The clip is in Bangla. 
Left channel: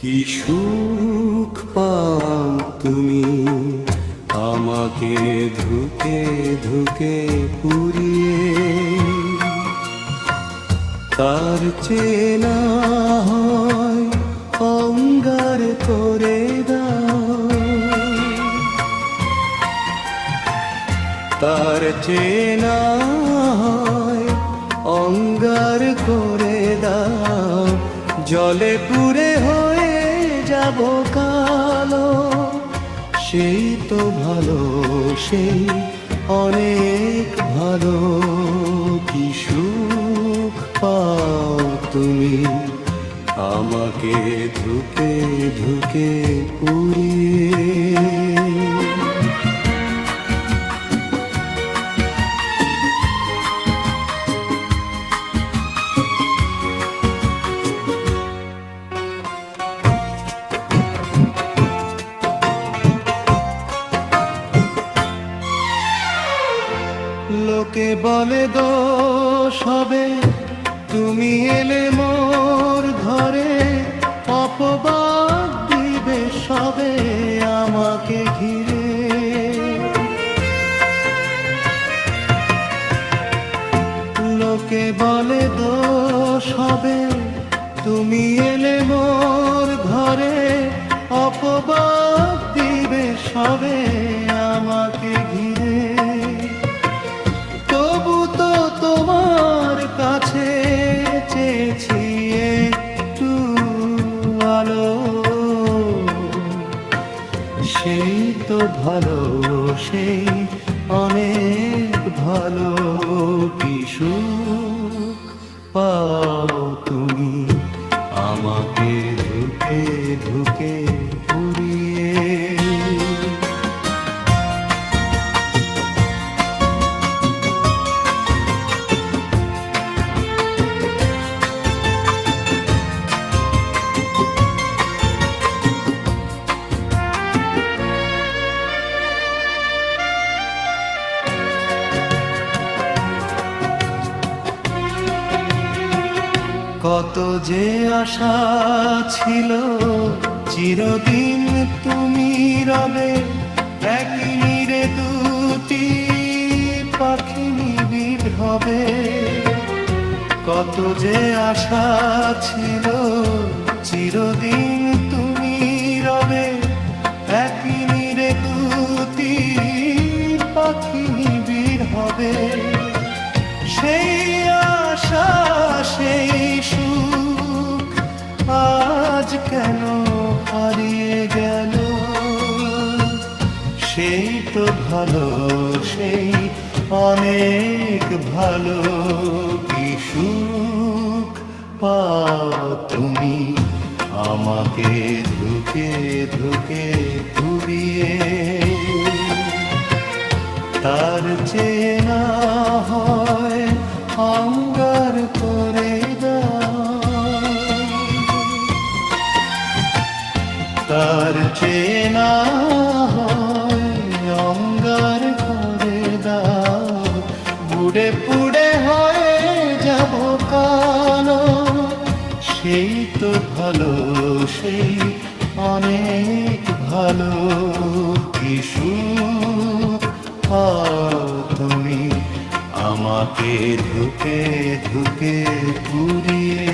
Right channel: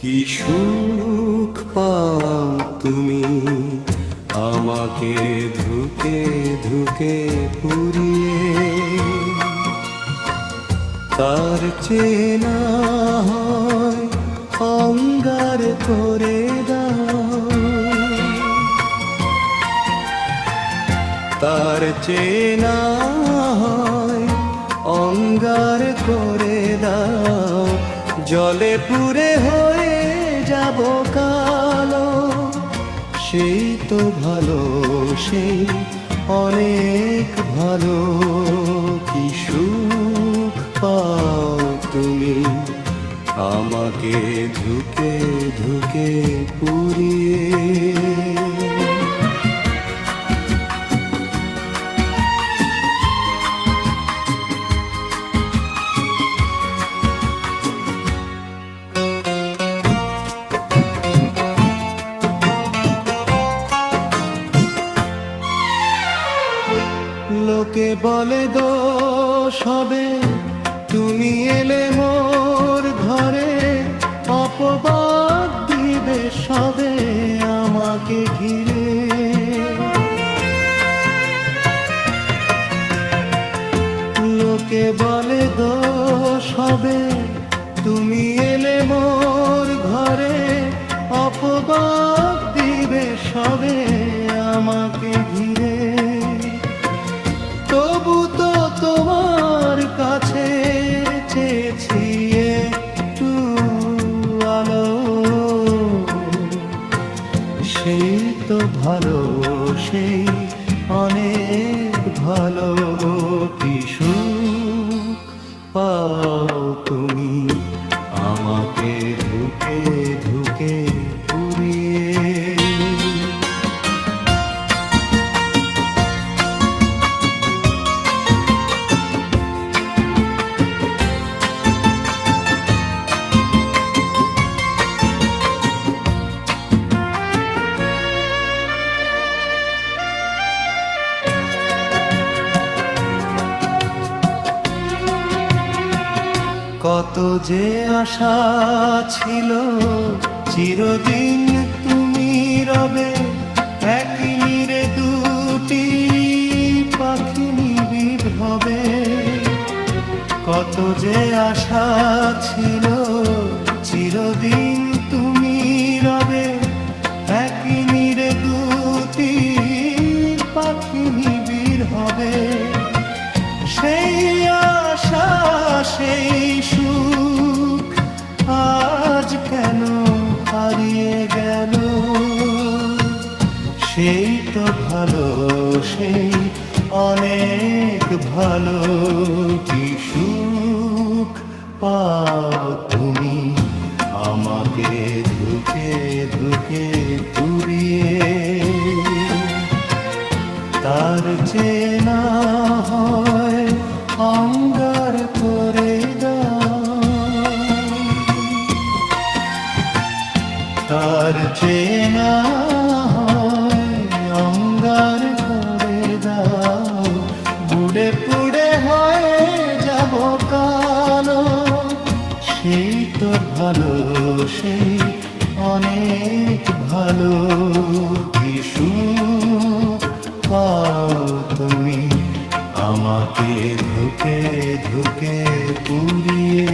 কি সুখ পাও তুমি আমাকে ধুকে ধুকে পুরিয়ে, তার চেনা হয় অঙ্গার করে দাও, তার চেনা হয় অঙ্গার করে দাও। জলে পুরে হয়ে যাব কালো, সেই তো ভালো, সেই অনেক ভালো। কি সুখ পাও তুমি আমাকে ধুকে ধুকে পুরিয়ে। লোকে বলে দোষ হবে তুমি এলে মোর ঘরে, অপবাদ দিবে সবে আমাকে ঘিরে। লোকে বলে দোষ হবে তুমি এলে মোর ঘরে, অপবাদ দিবে সবে আমাকে ঘিরে। তবু তো তোমার কাছে চেয়েছি একটু আলো, সেই তো ভালো, সেই অনেক ভালো। কি সুখ পাও তুমি আমাকে ধুকে ধুকে পুরিয়ে। কত যে আশা ছিল চিরদিন তুমি রবে, একই নীড়ে দুটি পাখি নিবিড় হবে। কত যে আশা ছিল চিরদিন তুমি রবে, একই নীড়ে দুটি পাখি নিবিড় হবে। সেই আশা সেই সুখ আজ কেন হারিয়ে গেল, সেই তো ভালো, সেই অনেক ভালো। কি সুখ পাও তুমি আমাকে ধুকে ধুকে পুরিয়ে, তার চেনা হয় অঙ্গার করে দাও, তার চেনা হয় অঙ্গার করে দাও। বুড়ে পুড়ে হয়ে যাব কালো, সেই তো ভালো, সেই অনেক ভালো। কি সুখ পাও তুমি আমাকে ধুকে ধুকে পুরিয়ে।